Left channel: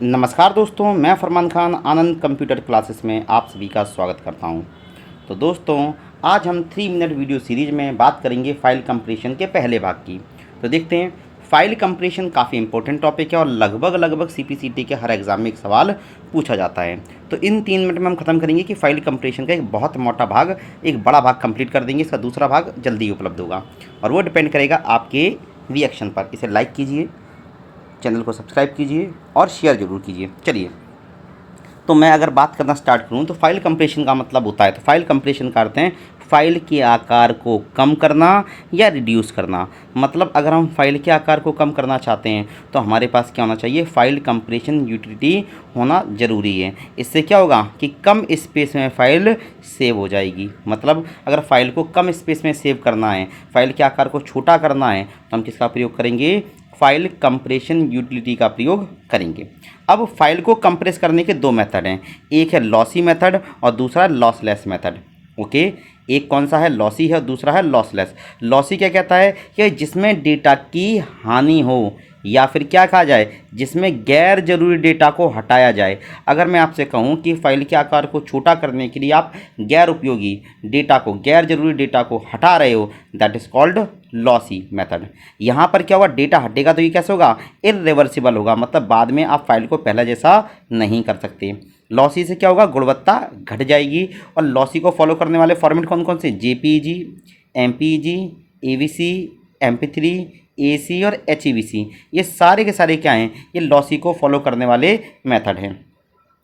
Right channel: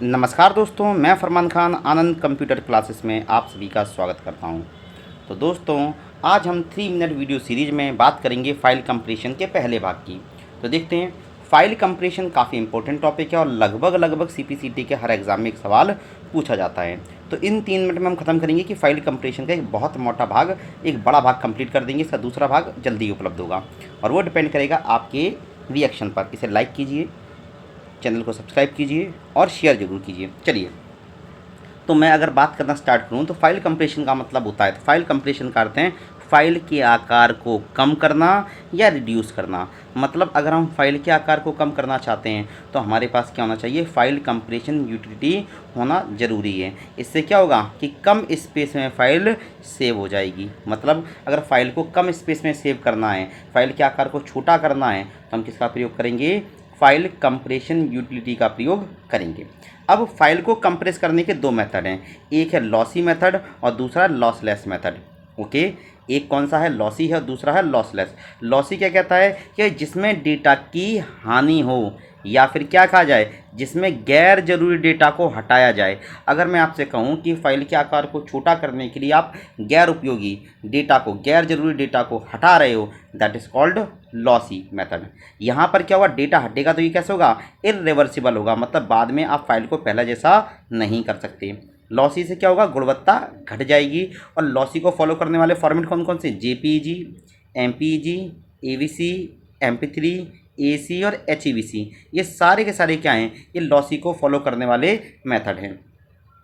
नमस्कार दोस्तों, मैं फरमान खान आनंद कंप्यूटर क्लासेस में आप सभी का स्वागत करता हूं। तो दोस्तों, आज हम 3 मिनट वीडियो सीरीज़ में बात करेंगे फ़ाइल कंप्रेशन के पहले भाग की। तो देखते हैं, फ़ाइल कंप्रेशन काफ़ी इंपॉर्टेंट टॉपिक है और लगभग सीपीसीटी के हर एग्ज़ाम में एक सवाल पूछा जाता है। तो इन 3 मिनट में हम ख़त्म करेंगे कि फ़ाइल कंप्रेशन का एक बहुत मोटा भाग, एक बड़ा भाग कंप्लीट कर देंगे। इसका दूसरा भाग जल्दी ही उपलब्ध होगा और वो डिपेंड करेगा आपके रिएक्शन पर। इसे लाइक कीजिए, चैनल को सब्सक्राइब कीजिए और शेयर ज़रूर कीजिए। चलिए, तो मैं अगर बात करना स्टार्ट करूँ तो फ़ाइल कंप्रेशन का मतलब होता है, तो फ़ाइल कंप्रेशन का अर्थ है फ़ाइल के आकार को कम करना या रिड्यूस करना। मतलब अगर हम फ़ाइल के आकार को कम करना चाहते हैं तो हमारे पास क्या होना चाहिए, फ़ाइल कंप्रेशन यूटिलिटी होना ज़रूरी है। इससे क्या होगा कि कम स्पेस में फ़ाइल सेव हो जाएगी। मतलब अगर फ़ाइल को कम स्पेस में सेव करना है, फ़ाइल के आकार को छोटा करना है, तो हम किसका प्रयोग करेंगे, फ़ाइल कंप्रेशन यूटिलिटी का प्रयोग करेंगे। अब फाइल को कंप्रेस करने के 2 मेथड हैं, एक है लॉसी मेथड और दूसरा लॉसलेस मेथड। ओके, एक कौन सा है, लॉसी है और दूसरा है लॉसलेस। लॉसी क्या कहता है कि जिसमें डेटा की हानि हो या फिर क्या कहा जाए, जिसमें गैर ज़रूरी डेटा को हटाया जाए। अगर मैं आपसे कहूं कि फ़ाइल के आकार को छोटा करने के लिए आप गैर उपयोगी डेटा को, गैर ज़रूरी डेटा को हटा रहे हो, that is called lossy method. यहाँ पर क्या होगा, डेटा हटेगा तो ये कैसे होगा, इरिवर्सिबल होगा। मतलब बाद में आप फाइल को पहला जैसा नहीं कर सकते। लॉसी से क्या होगा, गुणवत्ता घट जाएगी। और लॉसी को फॉलो करने वाले फॉर्मेट कौन कौन से, JPEG, MPEG, AVC, MP3, AC और एचईवीसी, ये सारे के सारे क्या हैं, ये लॉसी को फॉलो करने वाले मेथड हैं।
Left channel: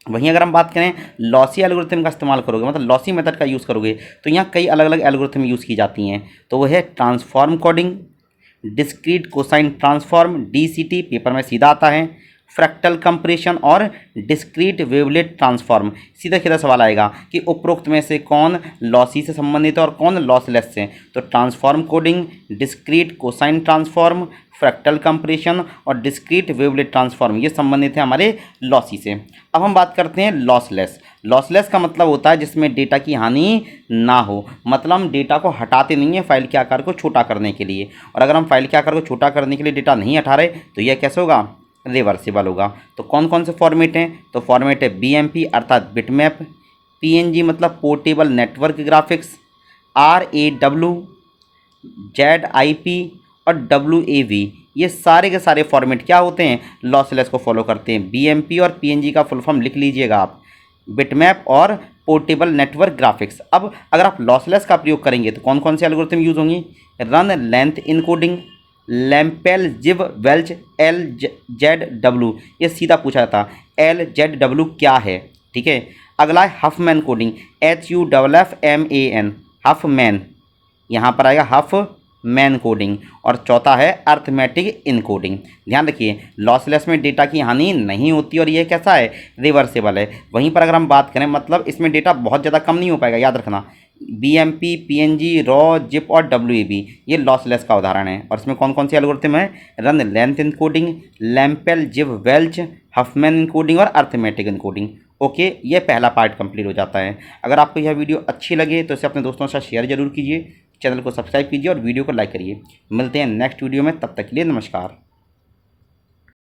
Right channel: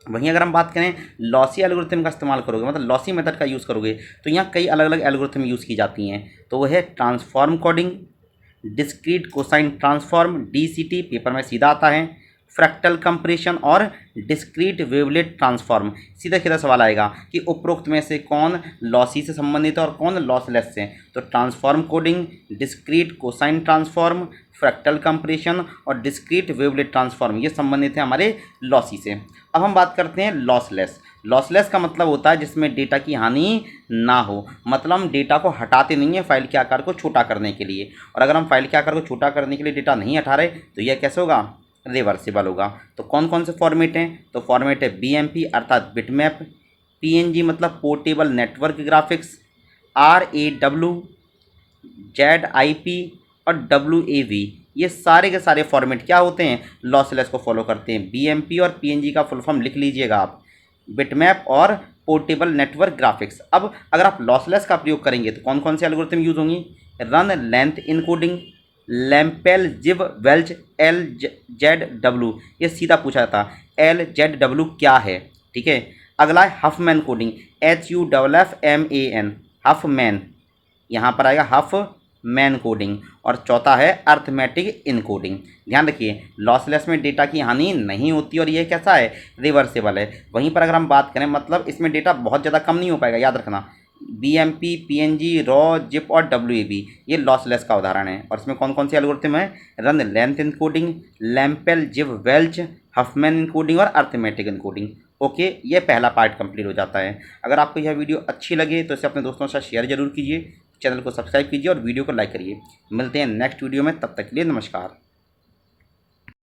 वहीं अगर हम बात करें लॉसी एल्गोरिथम का इस्तेमाल करोगे, मतलब लॉसी मेथड का यूज़ करोगे, तो यहाँ कई अलग अलग एल्गोरिथम यूज़ की जाती हैं। तो वो है transform coding, discrete cosine transform DCT, paper में सीधा आता है, फ्रैक्टल कंप्रेशन और डिस्क्रीट वेवलेट ट्रांसफॉर्म। सीधा सीधा सवाल आएगा कि उपरोक्त में से कौन लॉसी से संबंधित है और कौन लॉसलेस से। तो transform coding, discrete cosine transform, fractal compression और डिस्क्रीट वेवलेट ट्रांसफॉर्म, ये संबंधित है हमारे लॉसी से। अब हम बात करते हैं लॉसलेस। लॉसलेस का मतलब होता है जिसमें डेटा की हानि ना हो। मतलब हम डेटा को हटाते नहीं हैं फ़ाइल के आकार को छोटा करने के लिए, और अगर हम फाइल के आकार को छोटा करने के लिए डेटा नहीं हटा रहे तो यह कैसे होगा, रिवर्सिबल होगा। तो कौन कौन से फॉर्मेट हैं, तो फॉर्मेट है बीएमपी अर्थात बिटमैप, पीएनजी मतलब portable network graphics, RAW, ZIP और WAV। ये सारे के सारे फॉर्मेट क्या होते हैं, लॉसलेस को फॉलो करते हैं। बीएमपी और पीएनजी का फुल फॉर्म लिख लीजिएगा आप, बिटमैप और पोर्टेबल नेटवर्क ग्राफिक्स। अब अगर आप लॉसलेस का प्रयोग करेंगे तो कौन कौन से एल्गोरिथम यूज़ होंगी, रन लेंथ इनकोडिंग, लैम्पेल जिव वेल्च, LZW, ये सीधा पूछा जाता, LZW क्या है, ठीक है। अगला है हफमैन कोडिंग, HUFFMAN, हफमैन, यहाँ पर आएगा हफ मैन कोडिंग। और चौथा है अर्थमेटिक इनकोडिंग। ध्यान रखिए, लॉसलेस में डेटा की हानि नहीं होती और ये कैसा है, रिवर्सेबल है। वहीं पर अगर हम बात करें, मतलब इसमें डेटा बहुत ज़्यादा कम नहीं हो पाएगा, याद रखना। बीएमपी, पीएनजी, रॉ, जिप और डब्ल्यूएबी, ये लॉसलेस का उदाहरण है। और इसमें कौन कौन सी एल्गोरिथम है, रन लेंथ इनकोडिंग, लैम्पेल जिव वेल्च, हफमैन इनकोडिंग और अर्थमेटिक इनकोडिंग। ओके, ये पहला पार्ट कंप्लीट हो जाता है। अगर आपको यह वीडियो अच्छी लगे तो इसे अपने दोस्तों के साथ शेयर जरूर कीजिए, चैनल को सब्सक्राइब कीजिए और वीडियो को लाइक करिए। मिलते हैं नेक्स्ट वीडियो में, तब तक के लिए नमस्कार।